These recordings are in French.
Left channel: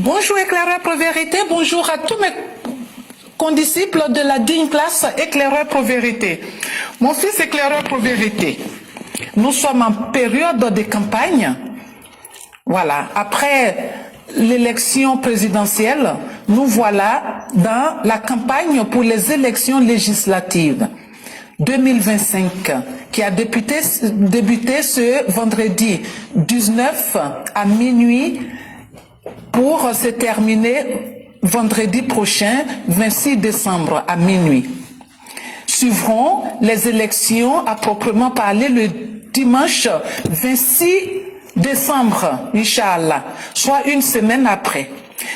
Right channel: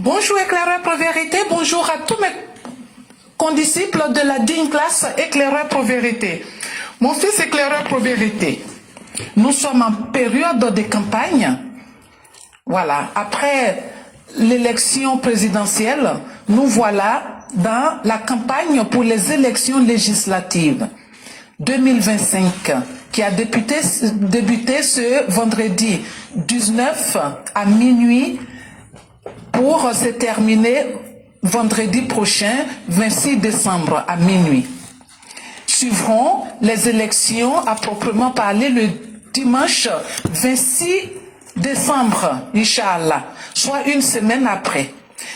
Bonjour éclaireur pour vérité, bonjour à tous mes condisciples de la digne classe éclaireur pour vérité. Mon fils éclaireur pour vérité, nous sommes en période de campagne. Voilà, après l'élection présidentielle, nous voilà dans la campagne pour les élections législatives 2025 qui a débuté ce vendredi 19 à minuit pour se terminer vendredi prochain, 26 décembre à minuit. Suivront les élections à proprement parler le dimanche 26 décembre, Inch'Allah, soit une semaine après.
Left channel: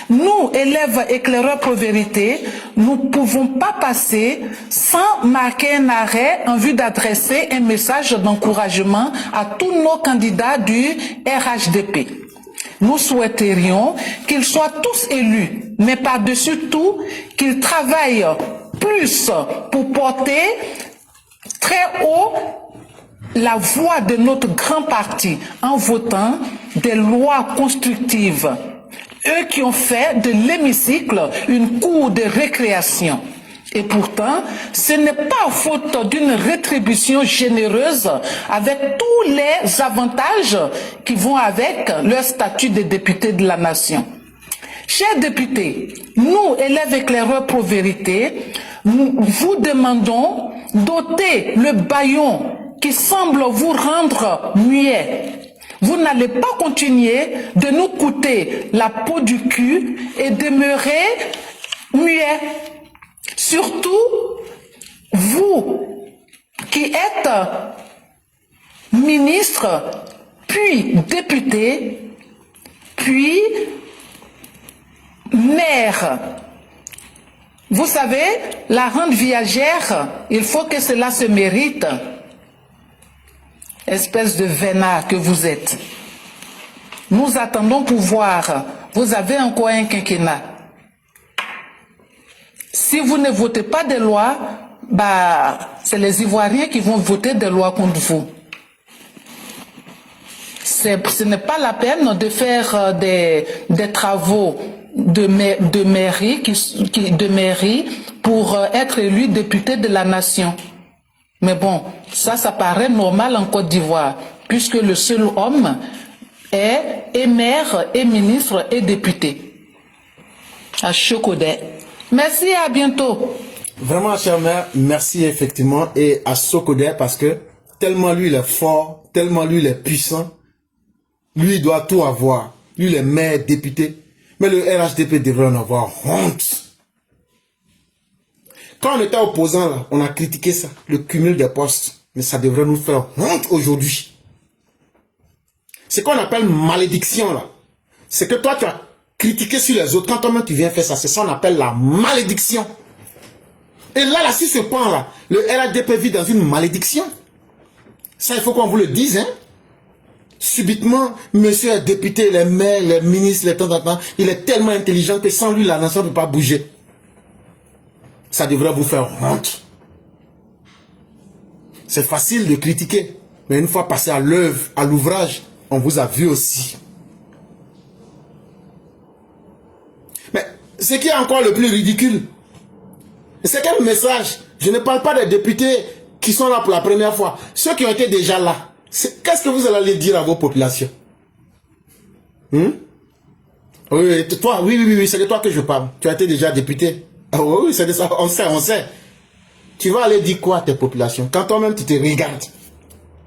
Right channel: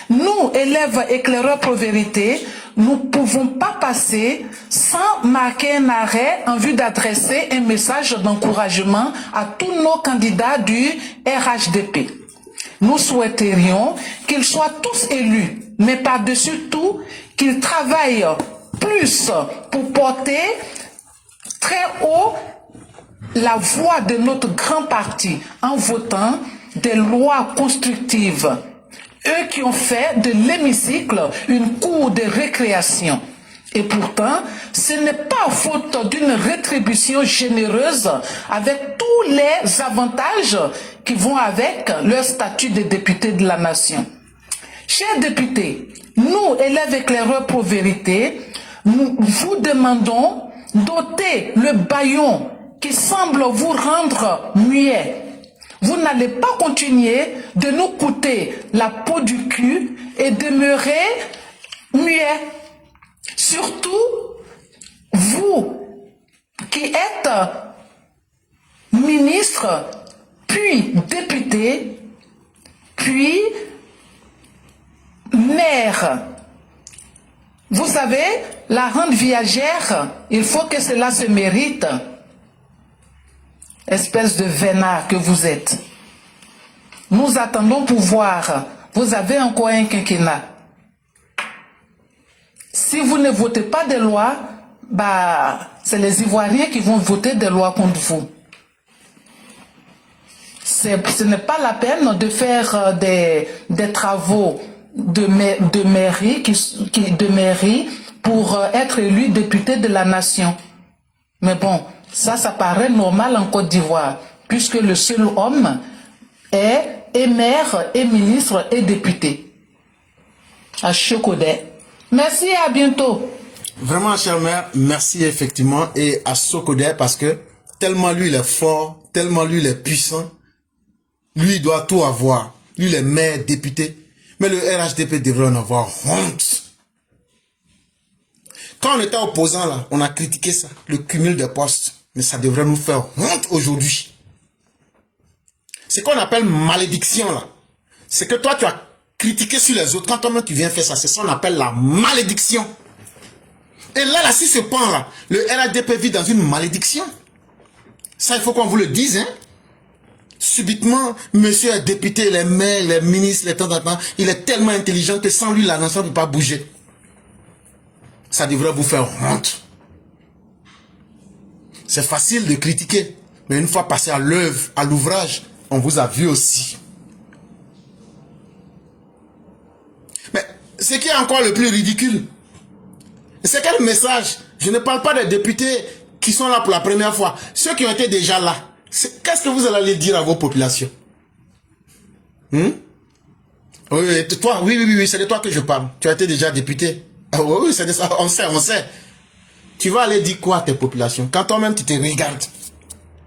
Nous, élèves éclaireurs pour vérité, nous ne pouvons pas passer sans marquer un arrêt en vue d'adresser un message d'encouragement à tous nos candidats du RHDP. Nous souhaiterions qu'ils soient tous élus, mais par-dessus tout, qu'ils travaillent plus pour porter très haut la voix de notre grand parti en votant des lois constructives. Eux qui ont fait de l'hémicycle une cour de récréation. Et pourtant, ce n'est pas faute d'une rétribution généreuse avec tous les avantages qui vont avec leur statut de député de la nation. Chers députés, nous, élèves éclaireurs pour vérité, nous vous demandons d'ôter le bâillon qui semble vous rendre muet. Vous n'allez pas continuer de nous coûter la peau du cul et demeurer muet. Surtout, vous qui êtes ministre, puis député, puis maire. Vous savez, la rente viagère, il faut que cela se mérite. Espèce de vénard que vous êtes. Nous attendons pouvoir. Vous avez encore un quinquennat. Si vous ne votez pas des lois, c'est les Ivoiriens qui vont voter des lois contre vous. Ce n'est pas la peine de faire des travaux de mairie pour être élu député de la nation. Mais bon, ça paraît normal en Côte d'Ivoire, puisque le seul homme est maire, et ministre, et député. À Sokodé. Merci, à bientôt. Vraiment, cher maire, merci effectivement, et à Sokodé, parce que tellement lui il est fort, tellement lui il est puissant, lui il doit tout avoir. Lui il est maire, député, mais le RHDP devrait en avoir honte. Quand on était opposant là, on a critiqué ça, le cumul des postes. Mais ça devrait nous faire honte aujourd'hui. C'est qu'on appelle malédiction là. C'est que toi tu as critiqué sur les autres. Quand toi-même tu viens faire ça, c'est ça qu'on appelle la malédiction. Et là, si ce point là, le RHDP vit dans une malédiction. Ça, il faut qu'on vous le dise, hein. Subitement, monsieur est député, les maires, les ministres, les temps, il est tellement intelligent que sans lui, la nation ne peut pas bouger. Ça devrait vous faire honte. C'est facile de critiquer, mais une fois passé à l'œuvre, à l'ouvrage, on vous a vu aussi. Mais ce qui est encore le plus ridicule, c'est quel message? Je ne parle pas des députés qui sont là pour la première fois. Ceux qui ont été déjà là, qu'est-ce que vous allez dire à vos populations? Oui, toi, oui, c'est de toi que je parle. Tu as été déjà député. Oui, c'est de ça, on sait. Tu vas aller dire quoi à tes populations? Quand toi-même tu te regardes.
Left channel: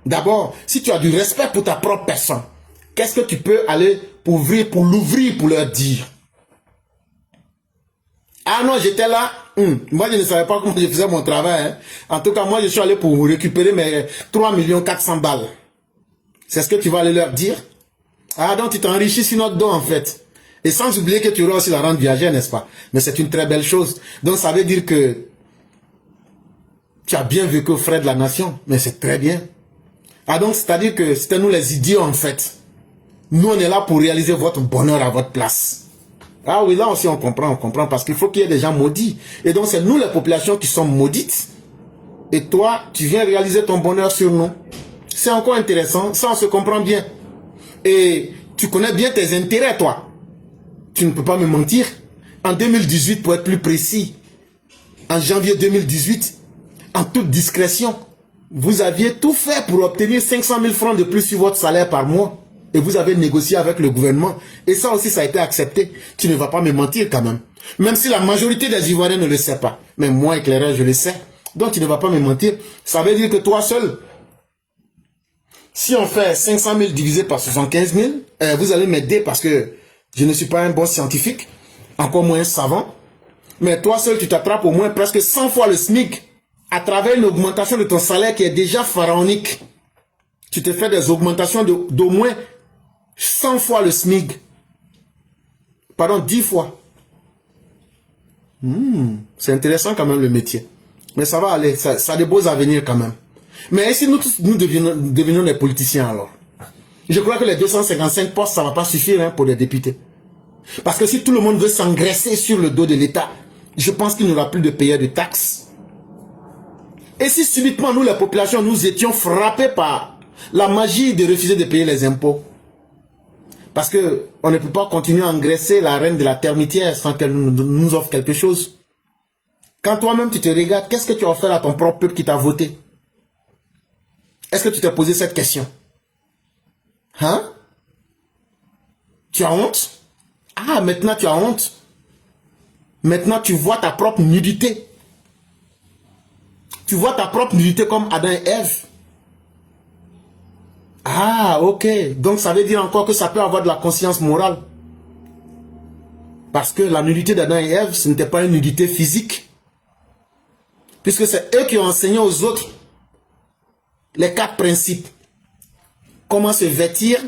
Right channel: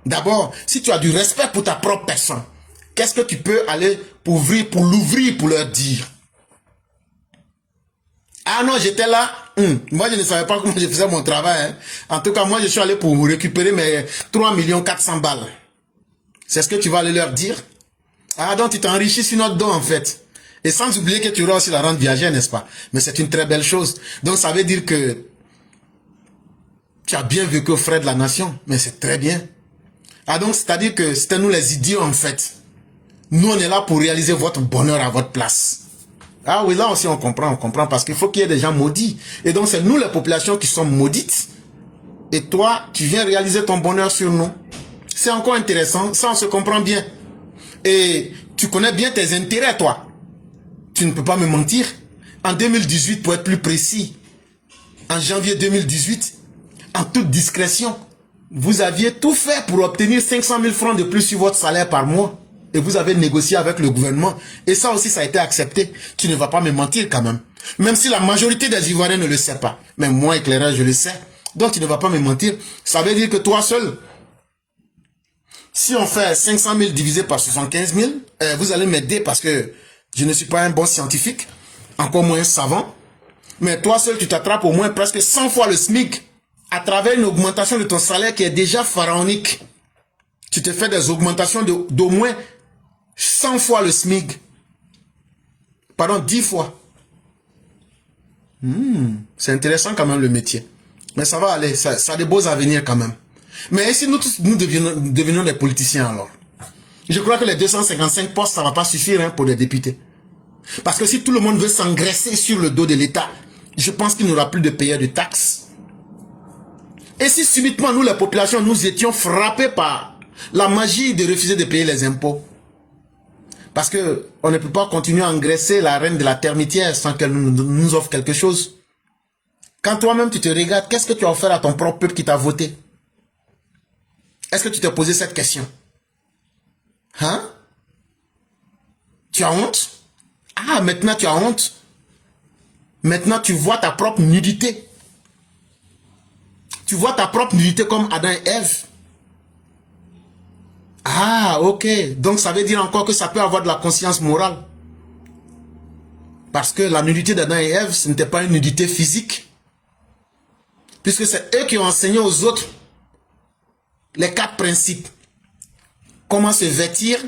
D'abord, si tu as du respect pour ta propre personne, qu'est-ce que tu peux aller pour l'ouvrir, pour leur dire? Ah non, j'étais là. Moi, je ne savais pas comment je faisais mon travail. Hein. En tout cas, moi, je suis allé pour récupérer mes 3 400 000 balles. C'est ce que tu vas aller leur dire? Ah, donc tu t'enrichis sur notre dos, en fait. Et sans oublier que tu auras aussi la rente viagère, n'est-ce pas? Mais c'est une très belle chose. Donc, ça veut dire que tu as bien vécu aux frais de la nation. Mais c'est très bien. Ah, donc, c'est-à-dire que c'était nous les idiots, en fait. Nous, on est là pour réaliser votre bonheur à votre place. Ah oui, là aussi, on comprend, parce qu'il faut qu'il y ait des gens maudits. Et donc, c'est nous, les populations, qui sont maudites. Et toi, tu viens réaliser ton bonheur sur nous. C'est encore intéressant. Ça, on se comprend bien. Et tu connais bien tes intérêts, toi. Tu ne peux pas me mentir. En 2018, pour être plus précis, en janvier 2018, en toute discrétion, vous aviez tout fait pour obtenir 500 000 francs de plus sur votre salaire par mois. Et vous avez négocié avec le gouvernement. Et ça aussi, ça a été accepté. Tu ne vas pas me mentir quand même. Même si la majorité des Ivoiriens ne le sait pas. Mais moi, éclairage, je le sais. Donc, tu ne vas pas me mentir. Ça veut dire que toi seul, si on fait 500 000 divisé par 75 000, vous allez m'aider parce que je ne suis pas un bon scientifique, encore moins un savant. Mais toi seul, tu t'attrapes au moins presque 100 fois le SMIC à travers une augmentation de ton salaire qui est déjà pharaonique. Tu te fais des augmentations d'au moins 100 fois le SMIC. Pardon, 10 fois. C'est intéressant quand même le métier. Mais ça va aller, ça a des beaux avenirs quand même. Mais si nous devenons des politiciens alors, je crois que les 255 postes, ça ne va pas suffire hein, pour des députés. Parce que si tout le monde veut s'engraisser sur le dos de l'État, je pense qu'il n'y aura plus de payeurs de taxes. Et si subitement nous, la population, nous étions frappés par la magie de refuser de payer les impôts, parce qu'on ne peut pas continuer à engraisser la reine de la termitière sans qu'elle nous offre quelque chose. Quand toi-même tu te regardes, qu'est-ce que tu as offert à ton propre peuple qui t'a voté? Est-ce que tu t'es posé cette question? Hein? Tu as honte? Ah, maintenant tu as honte. Maintenant tu vois ta propre nudité. Tu vois ta propre nudité comme Adam et Ève. Ah, ok. Donc ça veut dire encore que ça peut avoir de la conscience morale. Parce que la nudité d'Adam et Ève, ce n'était pas une nudité physique. Puisque c'est eux qui ont enseigné aux autres les 4 principes. Comment se vêtir,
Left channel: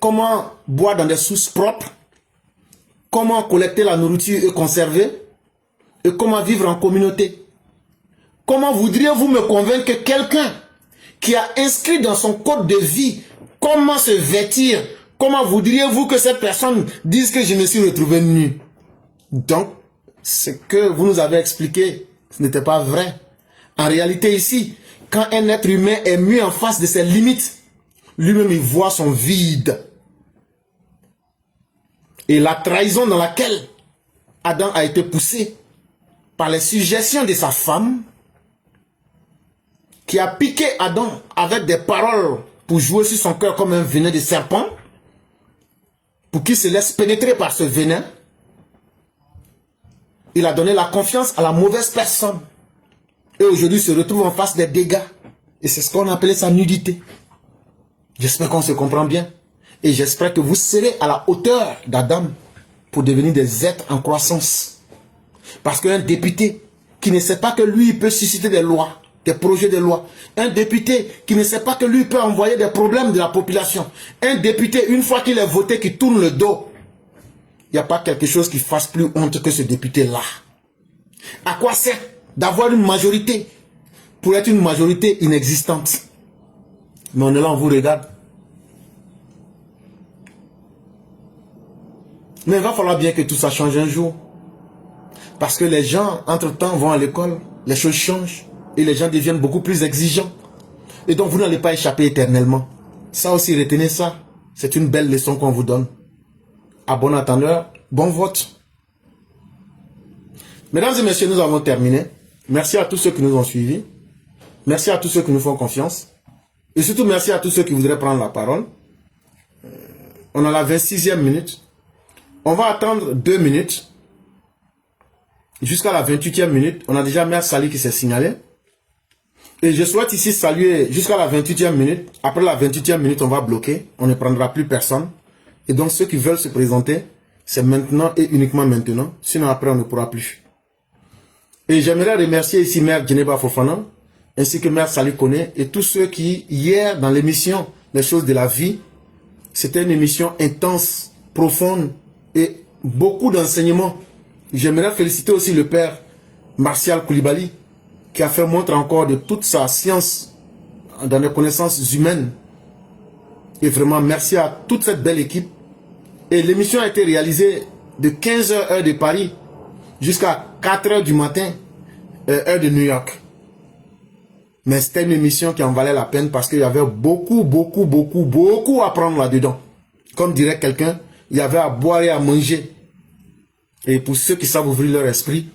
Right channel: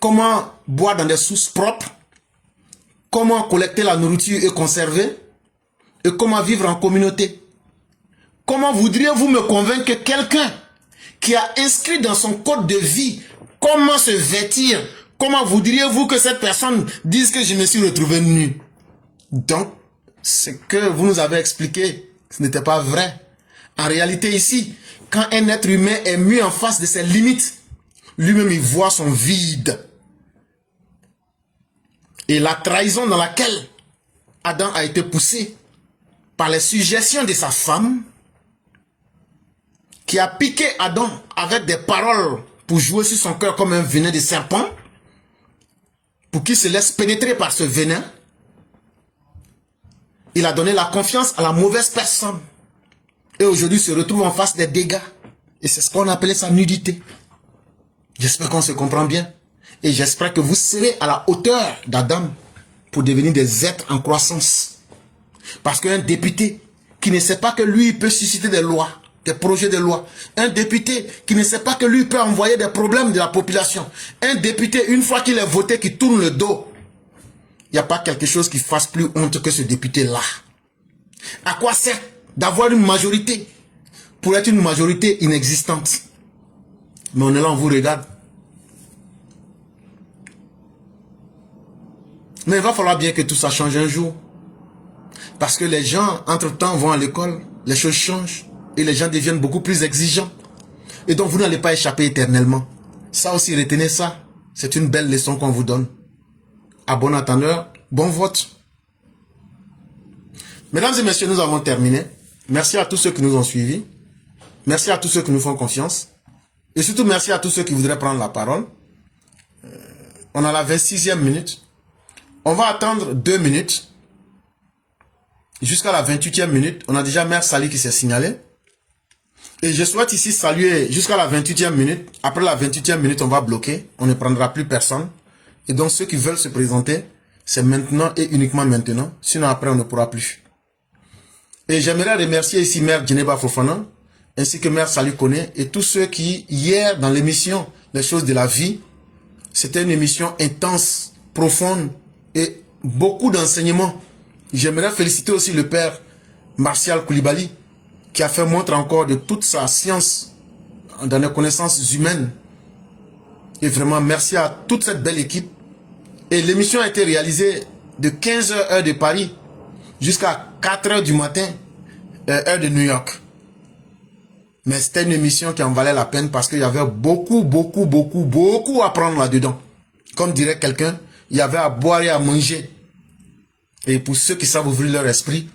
comment boire dans des sources propres, comment collecter la nourriture et conserver, et comment vivre en communauté. Comment voudriez-vous me convaincre que quelqu'un qui a inscrit dans son code de vie comment se vêtir, comment voudriez-vous que cette personne dise que je me suis retrouvé nu? Donc, ce que vous nous avez expliqué, ce n'était pas vrai. En réalité ici, quand un être humain est mis en face de ses limites, lui-même il voit son vide. Et la trahison dans laquelle Adam a été poussé par les suggestions de sa femme, qui a piqué Adam avec des paroles pour jouer sur son cœur comme un venin de serpent, pour qu'il se laisse pénétrer par ce venin, il a donné la confiance à la mauvaise personne. Et aujourd'hui, il se retrouve en face des dégâts. Et c'est ce qu'on appelait sa nudité. J'espère qu'on se comprend bien. Et j'espère que vous serez à la hauteur d'Adam pour devenir des êtres en croissance. Parce qu'un député qui ne sait pas que lui peut susciter des lois, des projets de loi, un député qui ne sait pas que lui peut envoyer des problèmes de la population, un député, une fois qu'il est voté, qui tourne le dos, il n'y a pas quelque chose qui fasse plus honte que ce député-là. À quoi sert d'avoir une majorité pour être une majorité inexistante? Mais on est là, on vous regarde. Mais il va falloir bien que tout ça change un jour. Parce que les gens, entre-temps, vont à l'école, les choses changent, et les gens deviennent beaucoup plus exigeants. Et donc, vous n'allez pas échapper éternellement. Ça aussi, retenez ça. C'est une belle leçon qu'on vous donne. À bon entendeur, bon vote. Mesdames et messieurs, nous avons terminé. Merci à tous ceux qui nous ont suivis. Merci à tous ceux qui nous font confiance. Et surtout, merci à tous ceux qui voudraient prendre la parole. On a la 26e minute. On va attendre 2 minutes. Jusqu'à la 28e minute. On a déjà Mère Sali qui s'est signalée. Et je souhaite ici saluer jusqu'à la 28e minute. Après la 28e minute, on va bloquer. On ne prendra plus personne. Et donc, ceux qui veulent se présenter, c'est maintenant et uniquement maintenant. Sinon, après, on ne pourra plus. Et j'aimerais remercier ici Mère Djeneba Fofana, ainsi que Mère Sali Kone, et tous ceux qui, hier, dans l'émission Les choses de la vie, c'était une émission intense, profonde, et beaucoup d'enseignements. J'aimerais féliciter aussi le Père Martial Koulibaly, qui a fait montre encore de toute sa science dans les connaissances humaines. Et vraiment, merci à toute cette belle équipe. Et l'émission a été réalisée de 15h heure de Paris jusqu'à 4h du matin, heure de New York. Mais c'était une émission qui en valait la peine parce qu'il y avait beaucoup à prendre là-dedans. Comme dirait quelqu'un, il y avait à boire et à manger. Et pour ceux qui savent ouvrir leur esprit,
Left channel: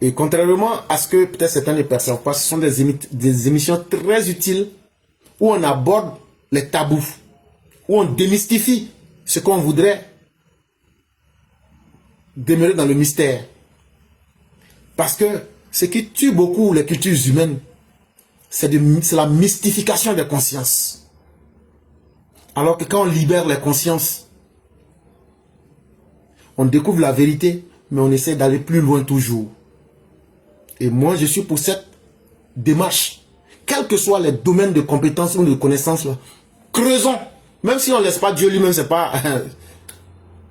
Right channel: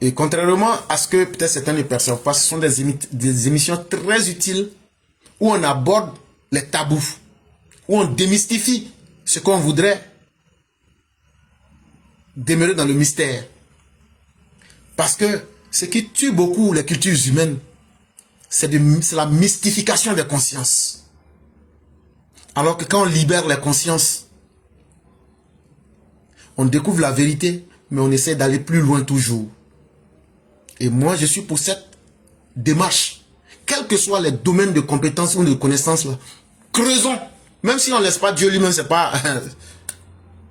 et contrairement à ce que peut-être certains ne perçoivent pas, ce sont des émissions très utiles où on aborde les tabous, où on démystifie ce qu'on voudrait demeurer dans le mystère. Parce que ce qui tue beaucoup les cultures humaines, c'est la mystification des consciences. Alors que quand on libère les consciences, on découvre la vérité, mais on essaie d'aller plus loin toujours. Et moi, je suis pour cette démarche. Quels que soient les domaines de compétences ou de connaissances, là, creusons. Même si on ne laisse pas Dieu lui-même, ce n'est pas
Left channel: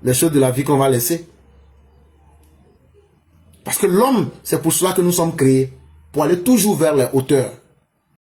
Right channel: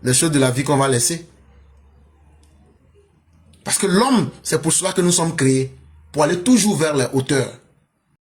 les choses de la vie qu'on va laisser. Parce que l'homme, c'est pour cela que nous sommes créés. Pour aller toujours vers les hauteurs.